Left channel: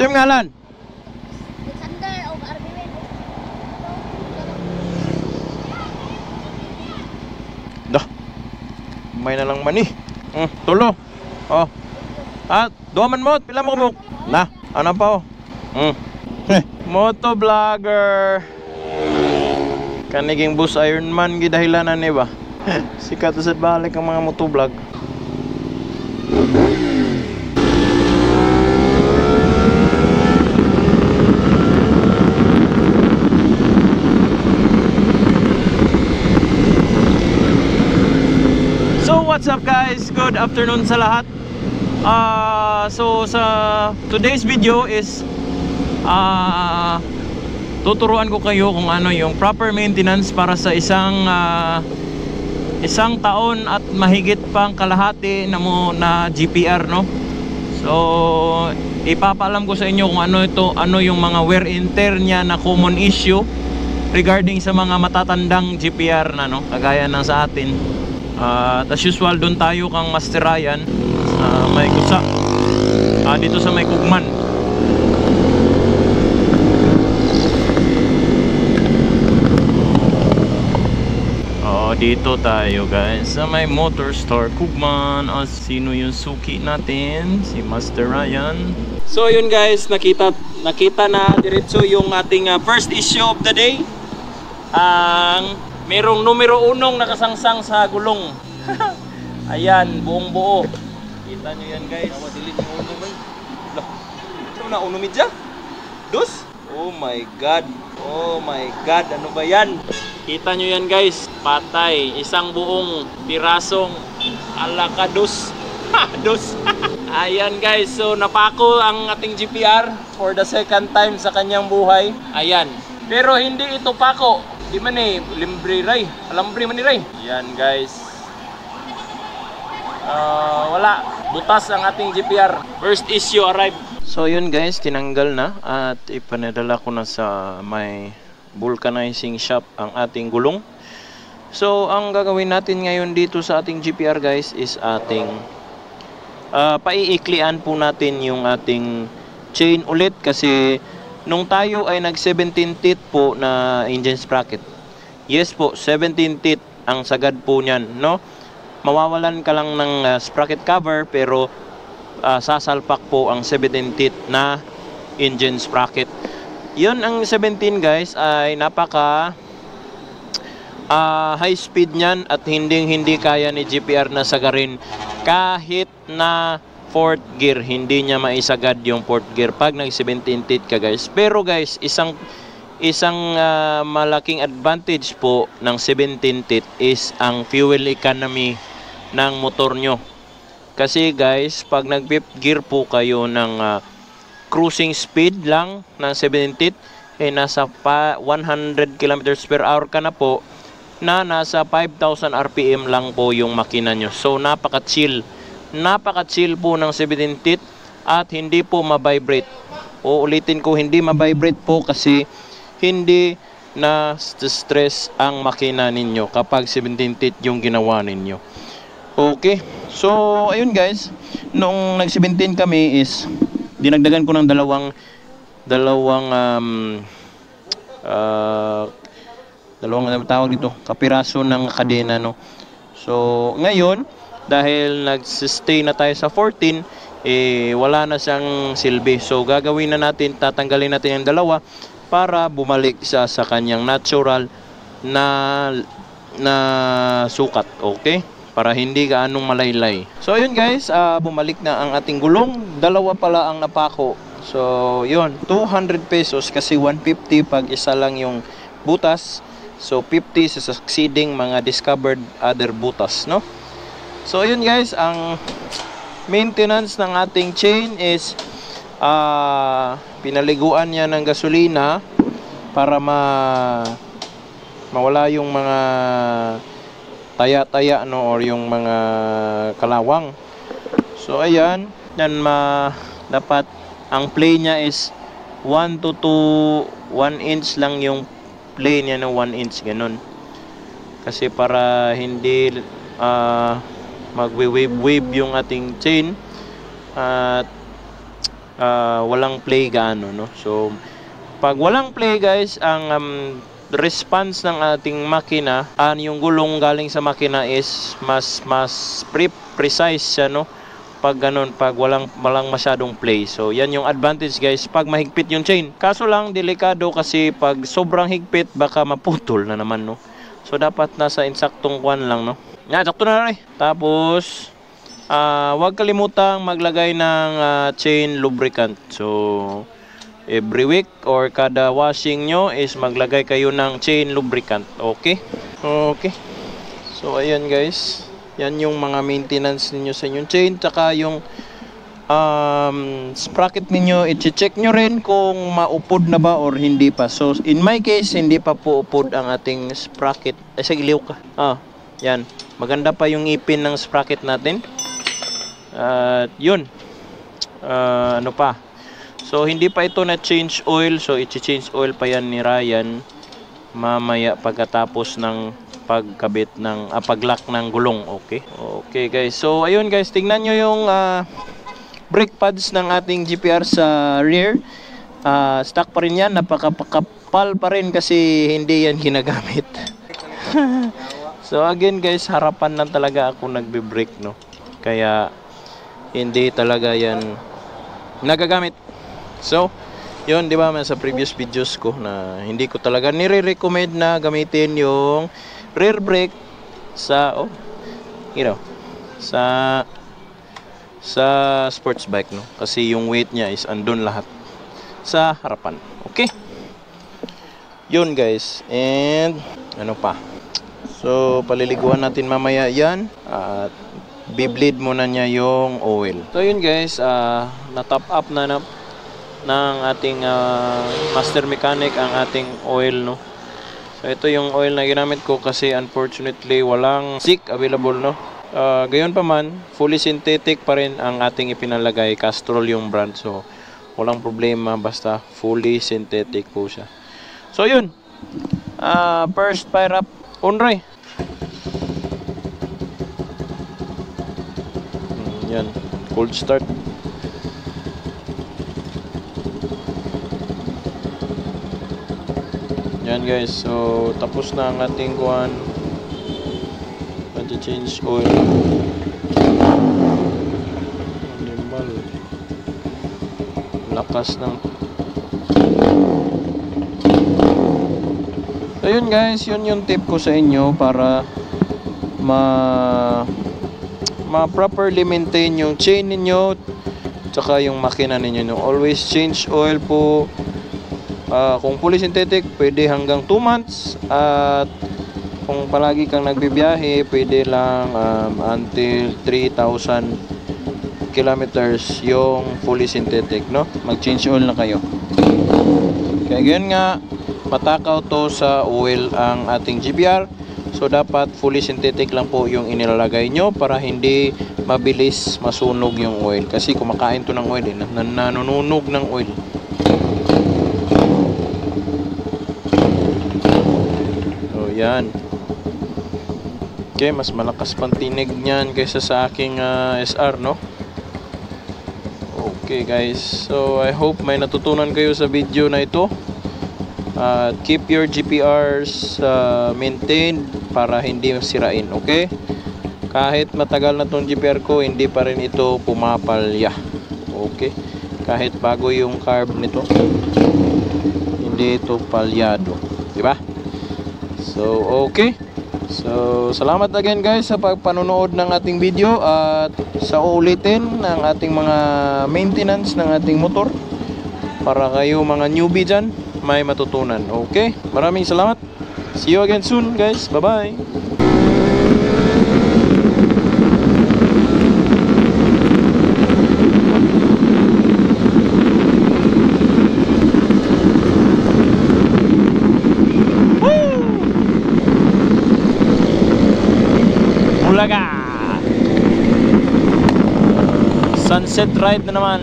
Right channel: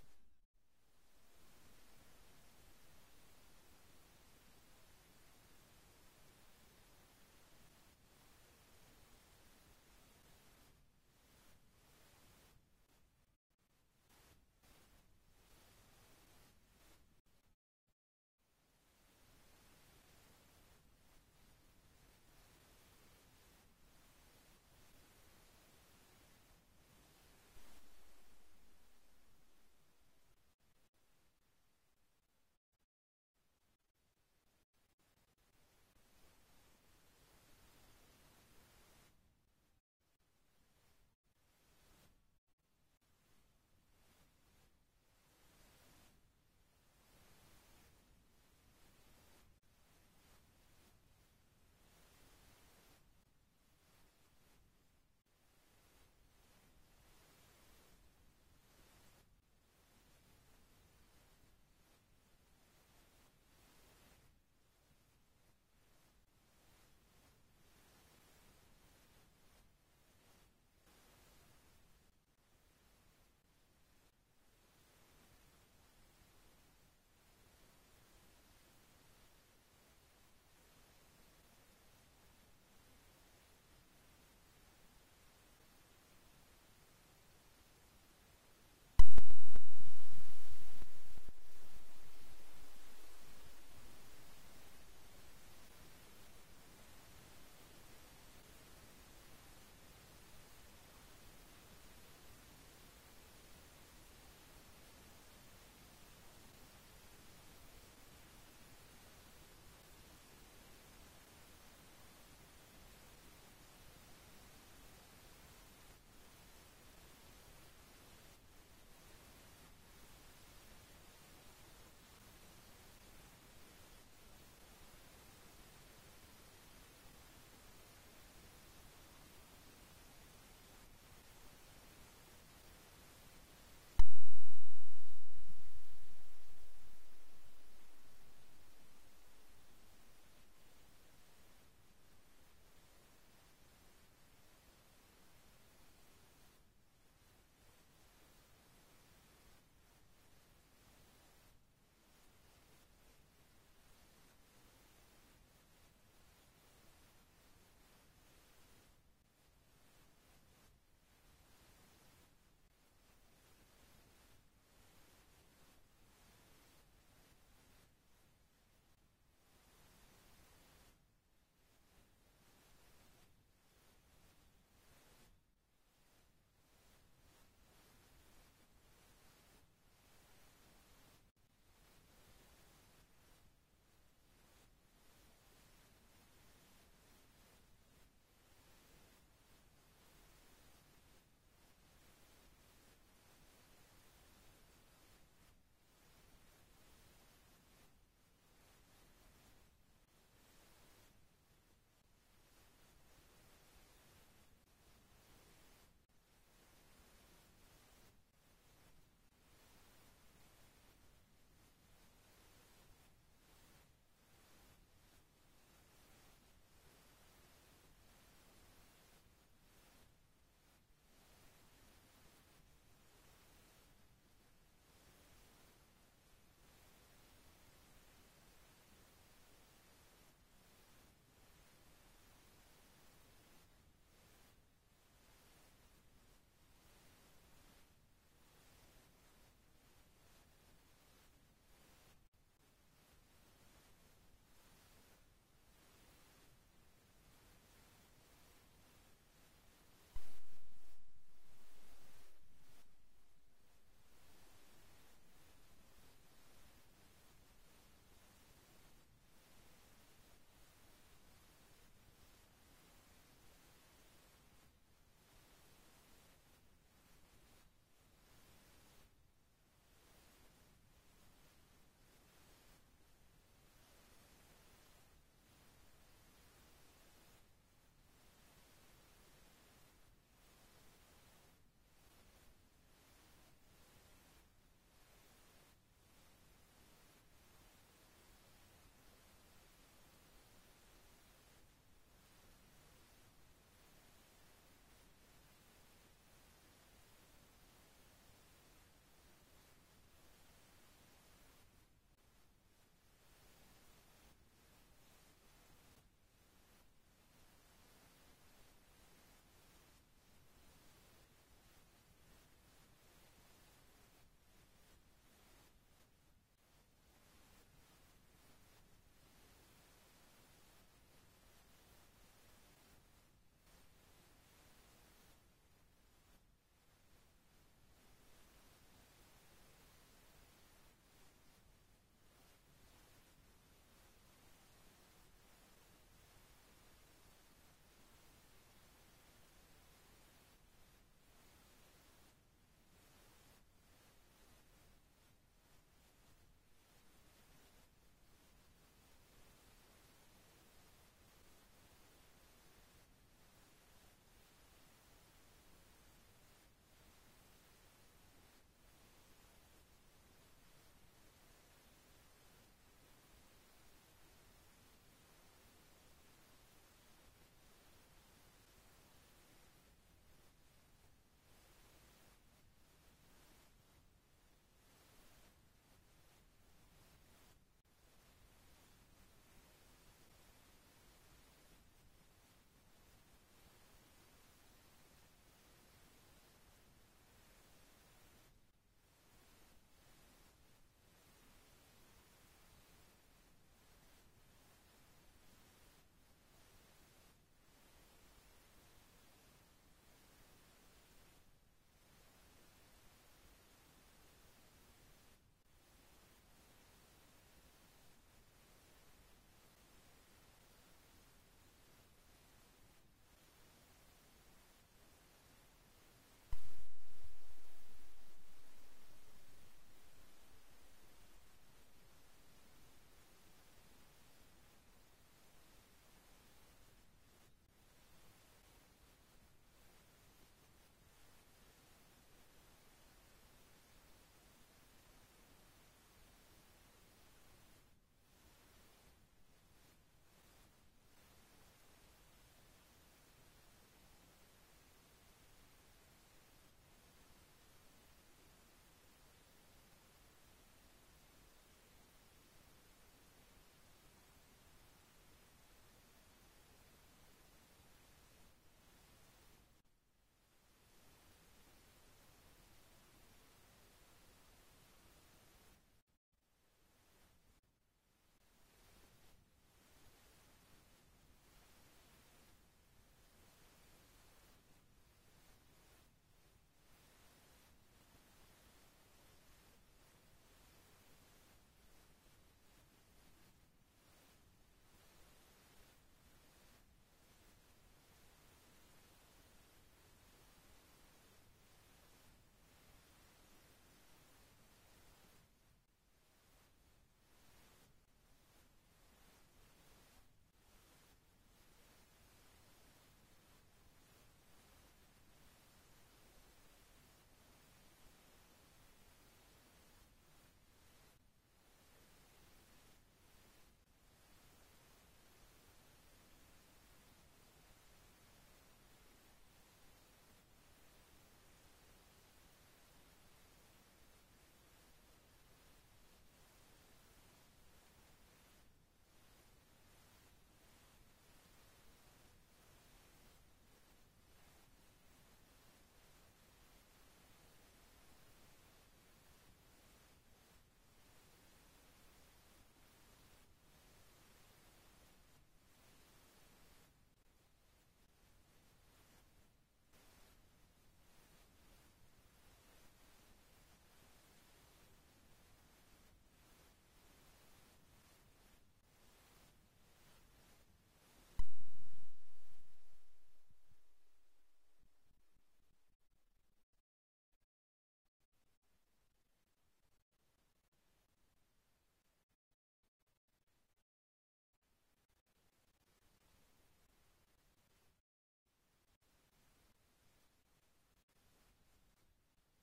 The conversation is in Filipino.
Sim ngalan? Alexander o Arvin. Dah. May na lang mani. Tulo. Oh. Duaman mo, pila mo kubok. Na, ano pa oh. Moto vlogger. Kaniging bus Ironman gidahilanan ni ba? Sikat sa balik ang mga moto vlog. So what's up guys? Good afternoon sa lahat. So sa today's video is tuturuan ko kayo kung ano yung proper maintenance para sa isang taon at mahigit pang kalahati na GPR, no? So ipapaalam ko sa inyo kung ano yung mga wear and tear niya na common issue regarding sa mga matatandang GPR na, no? Kagaya ng sa atin. As usual, doon tayo kang Master Ryan sa may kusa, dito sa may Kugman. Dito tayo guys sa may Motor Store Kugman. Sino yung suki natin? Si Master Ryan. So yun guys, nakita na diretso yung ating first issue of the day. Ang merong numero 1 nakasangsang sa gulong. Ayan, buong buo. Kita nyo yan guys. Dilit yung uno may. Ito na uno midya? Dos? Oh my god. Oh my god, ano ba yan? Kita nyo yan guys, patay. Isang buong pirasong alakados. Dos. Ayan guys, so napako ang ating GPR for the second time sa kanyang buhay. Ayan. Pero hindi ito pako. Di man limbre ray. Alambre man ni ray. Ayan guys. Wala. Butas ang ating GPR. First issue arrived. So yun guys, tinanggal na at ipanadala ko na sa may vulcanizing shop ang ating gulong. So ang gagawin natin ngayon dito sa ating GPR guys is ating paiiklian po natin yung ating chain ulit kasi nung tayo ay nag 17 teeth po na engine sprocket. Yes po, 17 teeth ang sagad po niyan, no? Mawawalan ka lang ng sprocket cover pero sasalpak po ang 17 teeth na engine sprocket. Yun ang 17 guys ay napaka high speed niyan at hindi kaya ni GPR na sagarin kahit na 4th gear. Hindi niya maisagad yung 4th gear pag nag 17 teeth ka guys. Pero guys, isang malaking advantage po ng 17 teeth is ang fuel economy ng motor nyo. Kasi guys, pag nag 5th gear po kayo ng cruising speed lang ng 17 teeth, nasa 100 kilometers per hour ka na po, na nasa 5,000 RPM lang po yung makina nyo. So napaka-chill po ng 17 teeth at hindi po ma-vibrate. Ulitin ko, hindi ma-vibrate po kasi hindi na stress ang makina ninyo kapag 17 teeth yung ginawa ninyo. Okay, so ayun guys, nung nag 17 kami is dinagdagan ko ng dalawang tawag dito, kapiraso ng kadena, no. So ngayon dahil nag-stay na tayo sa 14, wala na siyang silbi. So gagawin na natin, tatanggalin natin yung dalawa para bumalik siya sa kanyang natural na sukat, okay? Para hindi gaanong malaylay. So ayun guys, bumalik na ang ating gulong. Dalawa pala ang napako. So yun, 200 pesos kasi 150 pag isa lang yung butas. So 50 sa succeeding mga discovered other butas, no? So ayun guys, ang maintenance ng ating chain is pinaliguan niya ng gasolina para mawala yung mga taya-taya, no, or yung mga kalawang. So ayan, dapat ang play niya is 1 to 1 inch lang yung play niya, no, 1 inch ganun. Kasi para hindi magwe-wave yung ating chain at walang play gaano, no? So pag walang play guys, ang response ng ating makina, yung gulong galing sa makina is mas precise siya, no? Pag ganun, pag walang masyadong play. So yan yung advantage guys pag mahigpit yung chain. Kaso lang delikado kasi pag sobrang higpit baka maputol na naman, no? So dapat nasa insaktong kwan lang, no? Yan, sakto na rin. Tapos huwag kalimutang maglagay ng chain lubricant. So every week or kada washing nyo is maglagay kayo ng chain lubricant. Okay? Okay. So ayan guys, yan yung mga maintenance ninyo sa inyong chain. Tsaka yung sprocket ninyo, i-check nyo rin kung maupod na ba or hindi pa. So in my case, hindi pa po upod ang ating sprocket. Sige, liw ka. Yan, maganda pa yung ipin ng sprocket natin. Yun, ano pa, so hindi pa ito na change oil. So i-change oil pa yan ni Ryan mamaya pagkatapos ng pagkabit ng paglock ng gulong. Okay, okay guys. So ayun guys, tingnan nyo yung brake pads ng ating GPR sa rear. Stock pa rin yan, napakapal pa rin kasi hindi yan ginagamit. So again guys, harapan lang talaga ako nagbe-brake, no? Kaya hindi talaga yan nagagamit. So yun, di ba, sa previous videos ko na hindi ko talaga nire-recommend na gamitin yung rear brake sa sa sports bike, no? Kasi yung weight niya is andun lahat sa harapan. Okay, yun guys. And ano pa, so paliliguan natin mamaya yan at bibleed muna niya yung oil. So yun guys, na-top up na ng ating master mechanic ang ating oil, no? So ito yung oil na ginamit ko kasi unfortunately walang SIC available, no? Gayon pa man, fully synthetic pa rin ang ating ipinalagay. Castrol yung brand, so walang problema, basta fully synthetic po siya. So yun, first fire up onray. Yan, cold start. Yan guys, so tapos na ang ating kuhan. Change oil. Animal. Lakas ng. So yun guys, yun yung tip ko sa inyo para properly maintain yung chain ninyo tsaka yung makina ninyo, no? Always change oil po. Kung fully synthetic, pwede hanggang 2 months. At kung palagi kang nagbibiyahe, pwede lang until 3,000 kilometers yung fully synthetic, no? Mag-change oil na kayo. Kaya ganyan nga, matakaw to sa oil ang ating GPR. So dapat fully synthetic lang po yung inilalagay nyo para hindi mabilis masunog yung oil. Kasi kumakain to ng oil, nanununog ng oil. So yan. Okay, mas malakas pang tinig niyan kaysa sa aking SR, no? Okay guys, so I hope may natutunan kayo sa video na ito. Keep your GPRs maintained para hindi masirain, okay? Kahit matagal na tong GPR ko, hindi pa rin ito pumapalya. Okay? Kahit bago yung carb nito, hindi ito palyado, diba? So okay, so salamat again guys sa pagpanonood ng ating video at sa uulitin ng ating mga maintenance ng ating motor para kayo mga newbie dyan may matutunan. Okay, maraming salamat, see you again soon guys, bye bye. Sunset ride na naman.